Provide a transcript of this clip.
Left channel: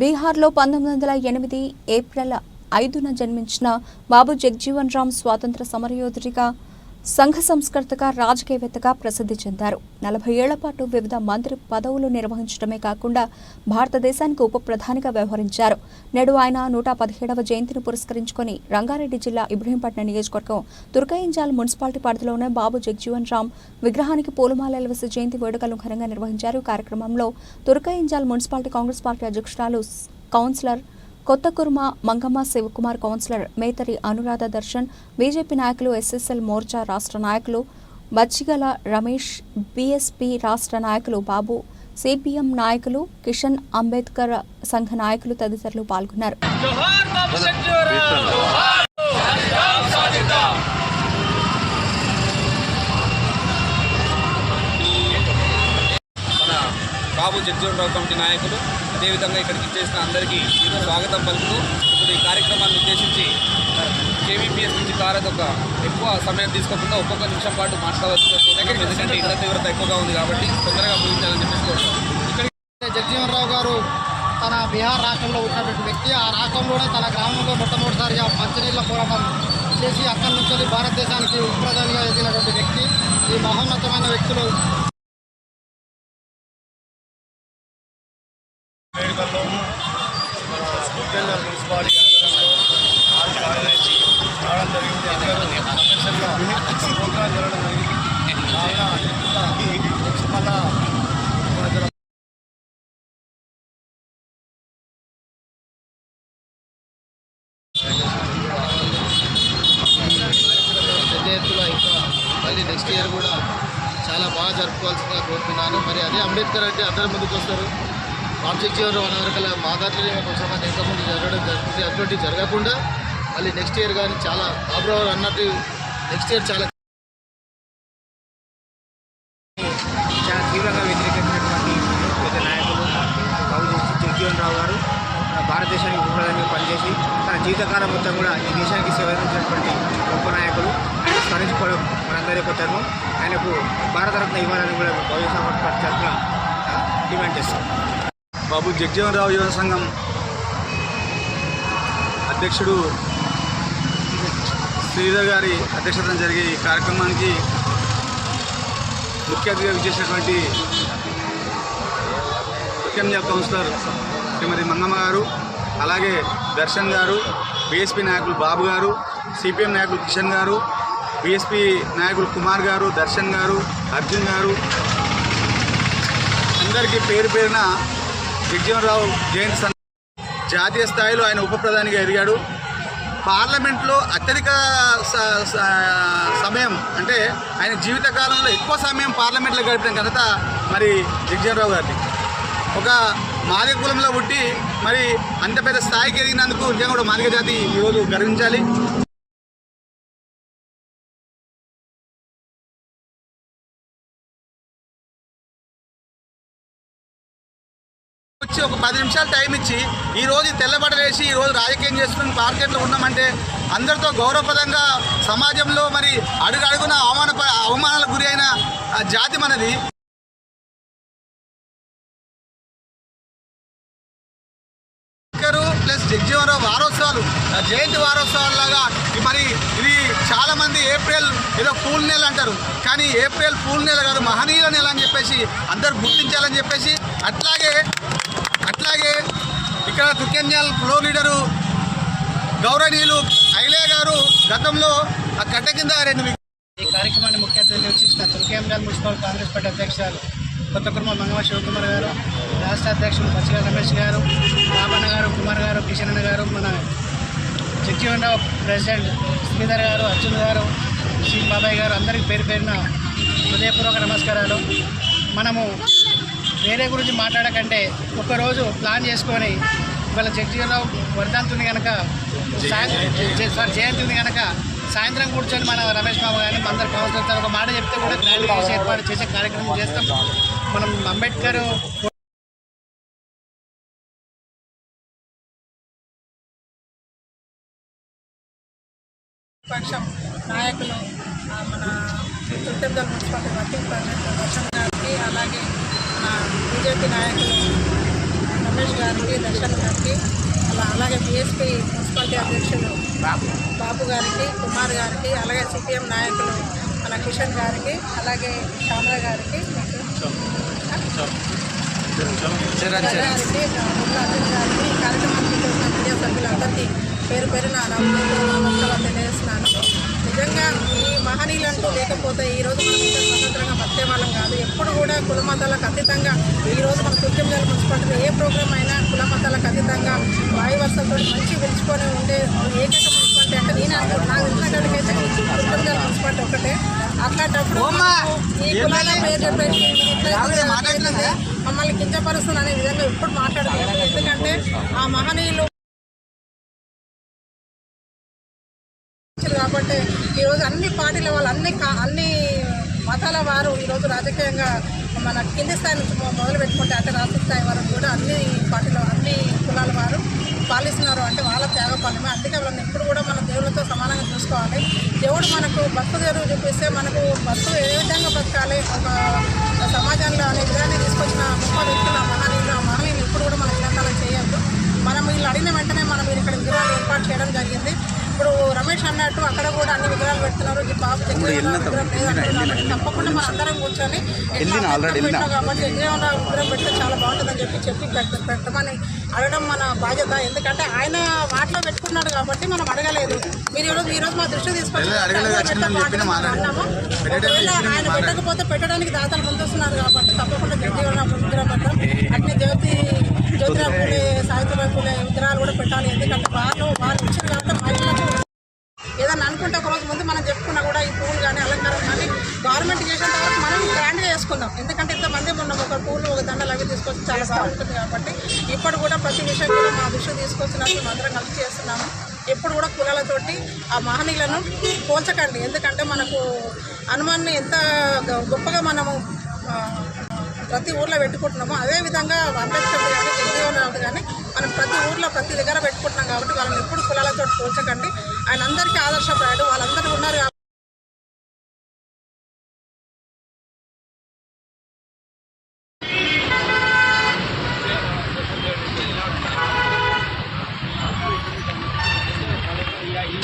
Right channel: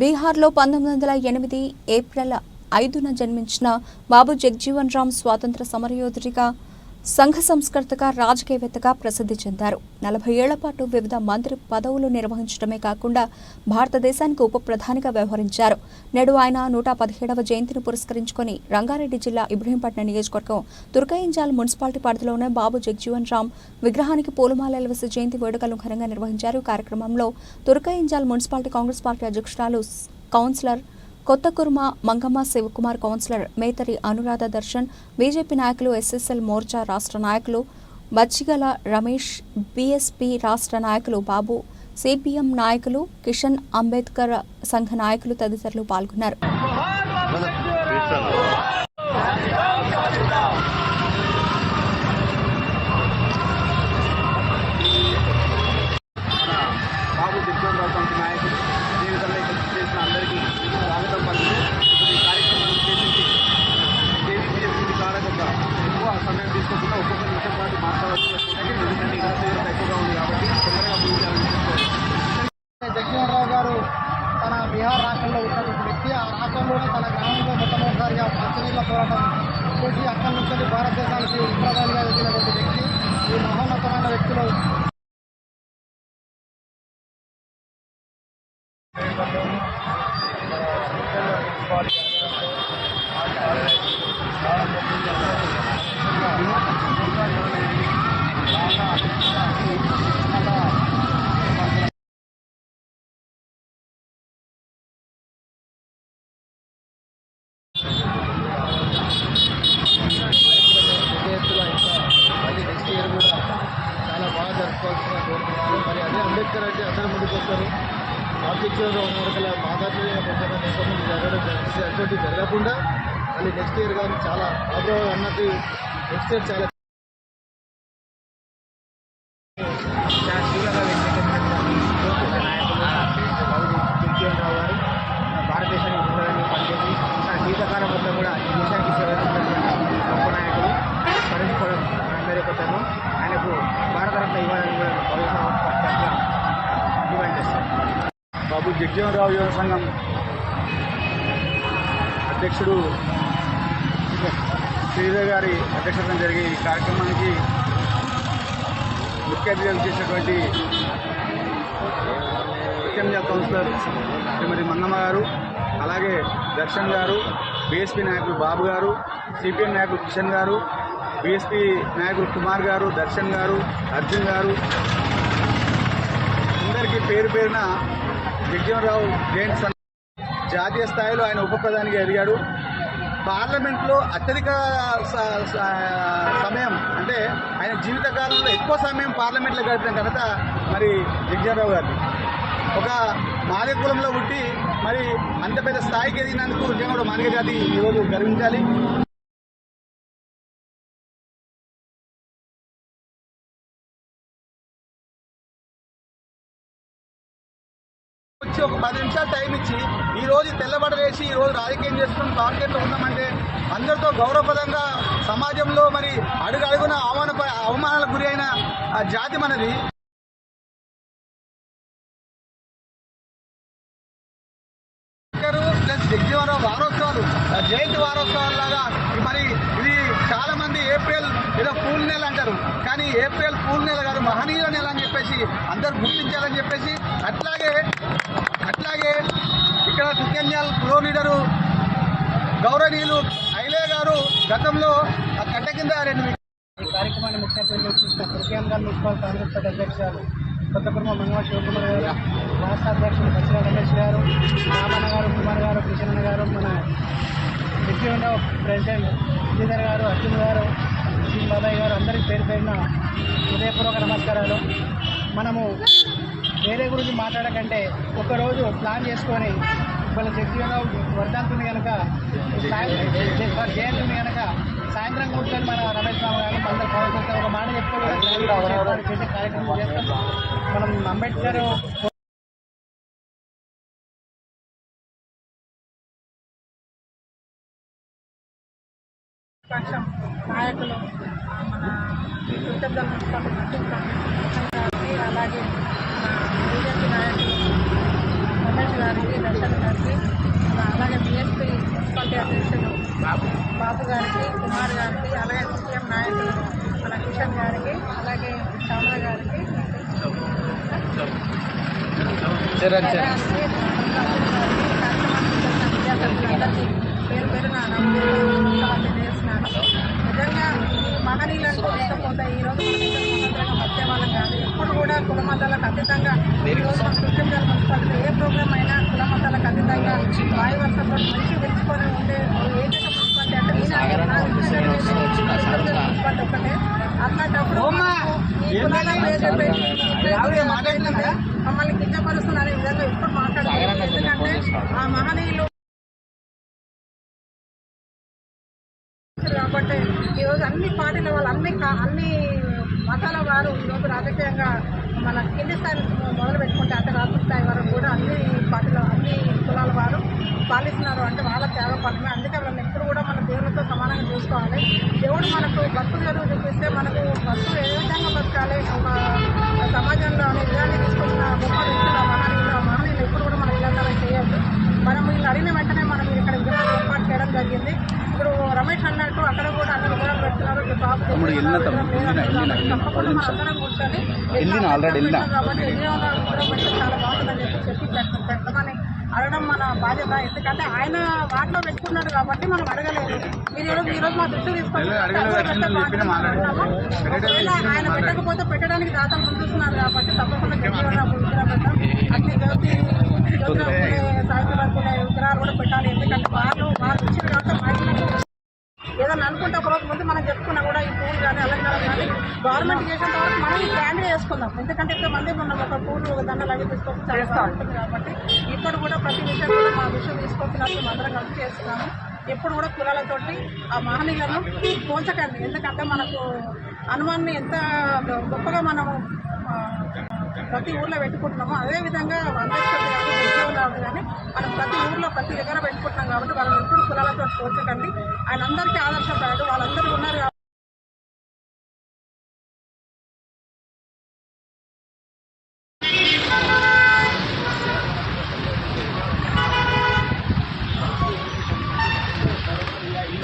బీహార్లో 1908 ఏప్రిల్ 5న జన్మించిన బాబు జగ్జీవన్ రామ్ స్వాతంత్ర సమరయోధుడిగా, సంఘ సంస్కర్తగా, రాజకీయవేత్తగా ప్రసిద్ధి చెందారు. 40 ఏళ్ల పాటు వివిధ మంత్రి పదవులు నిర్వహించడమే కాకుండా భారతదేశానికి ఉప ప్రధానిగా వ్యవహరించారు. నేడు ఆయన 117వ జయంతిని పురస్కరించుకుని రంగారెడ్డి జిల్లా ఇబ్రహీంపట్నం నియోజకవర్గం తుర్కయింజాల్ మున్సిపాలిటీ పరిధిలోని బాబు జగ్జీవన్ రామ్ విగ్రహానికి పూలమాలలు వేసి జయంతి వేడుకలను ఘనంగా నిర్వహించారు. కార్యక్రమంలో తుర్కయింజాల్ మున్సిపాలిటీ కాంగ్రెస్ పార్టీ అధ్యక్షురాలు councillor Kothakurma Mangamma, Shivakumar, councillor మేతరి Anuradha Darshan, BJP నాయకులు, ఎస్ఎస్ఎల్ మోర్చా రాష్ట్ర నాయకులు బచ్చిగల రమేష్, బీఎస్పీ రాష్ట్ర నాయకులు బాబు, సిపిఎం నాయకులు కిషన్, అంబేద్కర్ సంఘ నాయకులు తదితరులు పాల్గొన్నారు. బాబు జగ్జీవన్ రావు కమిటీ నాయకులు, అదేవిధంగా ఇక్కడికి చేసిన అందరికీ స్వాగతం పలుకుతూ ఇప్పుడు ఈ కార్యక్రమాన్ని ఉద్దేశించి కేవీపీఎస్ నుంచి ఎక్కువ సమయం తీసుకోకుండా ఒక్కొక్క నిమిషం పాటు మాట్లాడవచ్చు. ఎందుకంటే ఇక్కడ తీవ్రత ఎక్కువగా ఉంది కాబట్టి తొందరగా ముగించాలని చెప్పేసుకోవచ్చు. జగ్జీవన్ రావు గారు తన బీహార్ రాష్ట్రంలో ఉన్నటువంటి వ్యక్తి. ఆ రాష్ట్రంలోనే తన గ్రామంలో మొట్టమొదటిసారిగా మంచినీళ్ళ పోరాటం చేసి అక్కడి నుంచి భారతదేశానికి ఉపప్రధానిగా ఎదిగినటువంటి వ్యక్తి. ఈ మహోన్నతమైన వ్యక్తులు మున్సిపాలిటీ రావడం జరిగింది. పెద్ద ఎత్తులో ఇంకా మళ్ళీ నెక్స్ట్ ఇయర్ కూడా చాలా బాగా జరుపుకోవాల్సిందిగా కోరుతున్నాను. మరి అదే అంబేద్కర్ అంటే అందరి ముందుకు వస్తారు. బాబు జగ్జీవన్ రావు వరకల మా దాంట్లో కొంచెం ఇంకా ముందు జరగడం జరుగుతుంది. అటువంటి జరగకుండా మళ్ళీ నెక్స్ట్ ఇయర్ కానీ చాలా బాబురావు అన్నట్టు నెక్స్ట్ ఇయర్ చాలా తీవ్రంగా వ్యతిరేకించినటువంటి పెద్ద నాయకులు బాబు జగ్జీవన్ రావు గారు మన భారతదేశానికి ఉపప్రధానిగా పనిచేసి తన జీవితకాలం మొత్తం కూడా ఈ దేశానికి సేవ అందించినటువంటి గొప్ప నాయకులు. ఆయన స్మరించుకోవడం మనందరి యొక్క ధర్మం. ఆయనకు భారతరత్న ఇవ్వాలని కూడా బహుజన సమాజ్ పార్టీ తరఫున డిమాండ్ చేస్తాం. బాబు జగ్జీవన్ రావు యువన సంఘం అధ్యక్షుడు శ్రీధర్ గారి అధ్యక్షతన జరిగే ఈ కార్యక్రమానికి ముఖ్య అతిథిగా చేసినటువంటి తుర్కయింజాల్ కౌన్సిలర్ శ్రీమతి మంగమ్మ గారు, అలాగే దర్శన్ గారు, బీఎస్పీ నాయకులు బాబు గారు, సిపిఎం నాయకులు కిషన్ గారు, బీఎస్పీ నాయకులు కుమార్ గారు, దర్శన్ గారు, అర్జున్ గారు, అందరికీ పేరు పేరున జగ్జీవన్ రావు జయంతి జాతీయ స్థాయిలో ఆయన ఉప ప్రధానిగా ఎదిగాడు. పార్లమెంట్లో అత్యధిక సమయం అంటే ఆయన జీవితకాలంలో ఎక్కువ సమయం పార్లమెంట్లో గడిపిన ఘనత మరి జగ్జీవన్ రావు గారిని. ఒక మాదిగ కులంలో పుట్టి మరి అంత పెద్ద స్థాయికి ఎదిగినందుకు నిజంగా కూడా మాదిగ జాతి ఈరోజు గర్వించాలి. వచ్చి ఒక 10 నిమిషాలు టైం ఇచ్చి ఈరోజు తెల్లబడలేసి ఈరోజు రాజకీయం చేస్తున్న మార్కెట్లో ఉన్నామంటే అందరితో గౌరవప్రదంగా సమాజంలో మరి అడుగున అవమానాలకు గురి అయిన జాతి మనది. ప్లస్ జగ్జీవన్ రావు వారోత్సవాలు, జయంతి వారోత్సవాలు లాగా మరి ఇవి చాలామంది ఏప్రిల్ ఏదో పూల్ నెల అంటారు, కానీ ఏప్రిల్ పూల్ నెల కాదు, మహనీయుల నెల అని చెప్పేసి అందరూ గుర్తించాలని చెప్పేసి అట్లాగే ఇక్కడ తుర్కయింజాల్ ఫ్లో లీడరు గౌరవనీయులు ఐలే గారు గతంలో ఆ కట్ట కింద ఈ కార్యక్రమాన్ని ముఖ్య అతిథిగా చేసిన తుర్కయింజాల్ మున్సిపల్ కాంగ్రెస్ పార్టీ అధ్యక్షురాలు కొత్తకుర్మ మంగమ్మ శివకుమార్ గారు, రాష్ట్ర అధ్యక్షులు బచ్చిగల రమేష్ గారు, రామన్న గారు, కుమార్ గారు, కిషన్ గారు, మన జగ్జీవన్ రావు ప్రెసిడెంట్ శ్రీధర్ గారు, అర్జున్ గారు, శ్రీ బాబాయ్ గారు, అందరికీ పేరు పేరున హృదయపూర్వక నమస్కారాలు. మనము వేరే గురించి మాట్లాడకంటే ఒకరోజు ప్లాన్ చేసుకొని ఇవాళ జగ్జీవన్ రావు వర్ధంతుంది కనుక జయంతి ఉంది కనుక సాయంత్రం కూర్చొని మన రమేష్ బాబు గారిని అందరు కౌన్సిలర్ ఒక మాట చెప్తే కూడా గ్రాండ్గా ఏర్పాటు చేసే కార్యక్రమం చేస్తాం. మనం అంబేద్కర్ పక్షం నాయకులు మన తుర్కయింజాల్ మున్సిపాలిటీ వర్కింగ్ ప్రెసిడెంట్ దర్శన్ గారికి, అలాగే మన బీజేపీ నాయకులు రమేష్ గారికి, దర్శన్ గారికి, అలాగే బీఎస్పీ మున్సిపాలిటీ అధ్యక్షులు బాబు గారికి, కుమార్ గారికి, అలాగే సిపిఎం నాయకులు మన కిషన్ గారికి, అలాగే శ్యామల గారికి, గారికి, కార్యక్రమానికి చేసిన మీడియా సభ్యులందరికీ పేరు పేరున నమస్కారాలు తెలియజేస్తున్నాను. నిజంగా ఈ మహనీయులంటూ లేకపోతే ఈరోజు మనం ఇంత స్వతంత్రంగా బతికే వాళ్ళం కాదు. ఎప్పుడు కూడా కుల మతాలకు అతీతంగా ఈరోజు మన తుర్కంజల్ మున్సిపాలిటీలో ఏ ప్రోగ్రామ్ అయినా కుల మతాలకు అతీతంగా వాయు వర్షంతో మంచి పిలుచుకొని ఉండే ఏకైక మున్సిపాలిటీ అంటే నేను నాకు తెలిసినటువంటి అయితే తుర్కంజల్ మున్సిపాలిటీ ఒకటే. అట్లాంటప్పుడు ఈ కులాల పేరు చెప్పేసి మమ్మల్ని కించపరుస్తుంది అనే విధంగా ఎప్పుడు మాట్లాడలేదు. ఎందుకంటే ఆ మహనీయులు కాబట్టి ఈరోజు అన్ని పార్టీల వాళ్ళు అన్ని మతాల వారు ఈరోజు రాజకీయంగా మన కింది స్థాయి నుంచి మొదలు పెట్టుకుంటే అంటే రాష్ట్ర స్థాయి వరకు కూడా అన్ని పార్టీల అన్ని కులాల వారు పాలిస్తున్నారు. అంటే వాళ్ళ త్యాగ ఫలమే. అందుకే వాళ్ళని ఎప్పుడు కూడా మన దేవుళ్ళతో సమానంగా చూసుకోవాలి. దేవుడు మనకు బతుకు తెరువు చూపిస్తే మనకు బతుకు ఏ విధంగా బతకాలి ఒక సమాజంలో అనే విధాన్ని తీసుకొచ్చిన గొప్ప వ్యక్తులు మహనీయులు ఎప్పుడు కూడా మన విధానాలు చేయొద్దు. మనం వీళ్ళు అడిగిన వెంటనే మనం ఇక్కడ విగ్రహాలు ఏర్పాటు చేయడం జరిగింది. ఇప్పుడు రమేష్ అన్నట్టు అక్కడ కూడా అన్ని విగ్రహాలు పెడుతున్నారు. ఈ బాబు జగ్జీవన్ విగ్రహం లేదంటారు కాబట్టి తప్పకుండా మన అందరం కూర్చొని కాబట్టి జగ్జీవన్ విగ్రహం పెడితే చాలా బాగుంటుందని చెప్పి పెట్టమని అడగడం మన బాధ్యత. ఎందుకంటే ఆయన వాటిలో పెట్టుకున్నాడు కాబట్టి మనం అడగలేదు. మీరు ఈరోజు మా దృష్టి తీసుకొచ్చి అన్నాము. ఒకవేళ ఆయన పెట్టకపోతే పెట్టడానికి దాతలు ముందుస్తున్నారు కాబట్టి తప్పకుండా జగ్జీవన్ విగ్రహం పెట్టాం. అట్లే జ్యోతిరావు పూలే, సాయితురావు పూలే విగ్రహాలు కూడా పెట్టాలి. ఎందుకంటే వాళ్ళు ఇచ్చిన కాబట్టి మహిళలకు ఏదన్నా అనుకుంటే ఒకరోజు ముందు మనం చెప్పుకున్నా కూడా ఈ పూలు కానీ అలంకారం కానీ గవర్నమెంట్ చేసేంత వరకు మనం గ్రాండ్గా చేసుకుందాం. ఎందుకంటే ఇంతమంది ఉన్నాం, ఒక పూలు ఒక దండలు అవి తీసుకొచ్చి చాలా బాగుంటుంది కాబట్టి ఇప్పుడు కూడా ప్రతి విషయం కూడా మా దృష్టి తీసుకొచ్చినప్పుడు మేము అందరం కలిసి చేస్తున్నాము. ఎప్పుడు కూడా కులాలతోటి ఆ మహనీయులను పోల్చకండి. ఎందుకంటే మనకు హనుమాన్ని ఎంత గొప్పగా మనము ప్రతి ఊర్లో పెట్టుకుంటున్నామో అదేవిధంగా అంబేద్కర్ కానీ జగ్జీవన్ కానీ మనం ప్రతి ఊర్లో ప్రతి దగ్గర పెట్టుకుంటున్నాం కాబట్టి వాళ్ళని ఎప్పుడు కులాలతో పోల్చకండి. ఆయన అందరికీ ఆదర్శప్రాయుడు. వాళ్ళందరూ ఉన్నారు. ఈ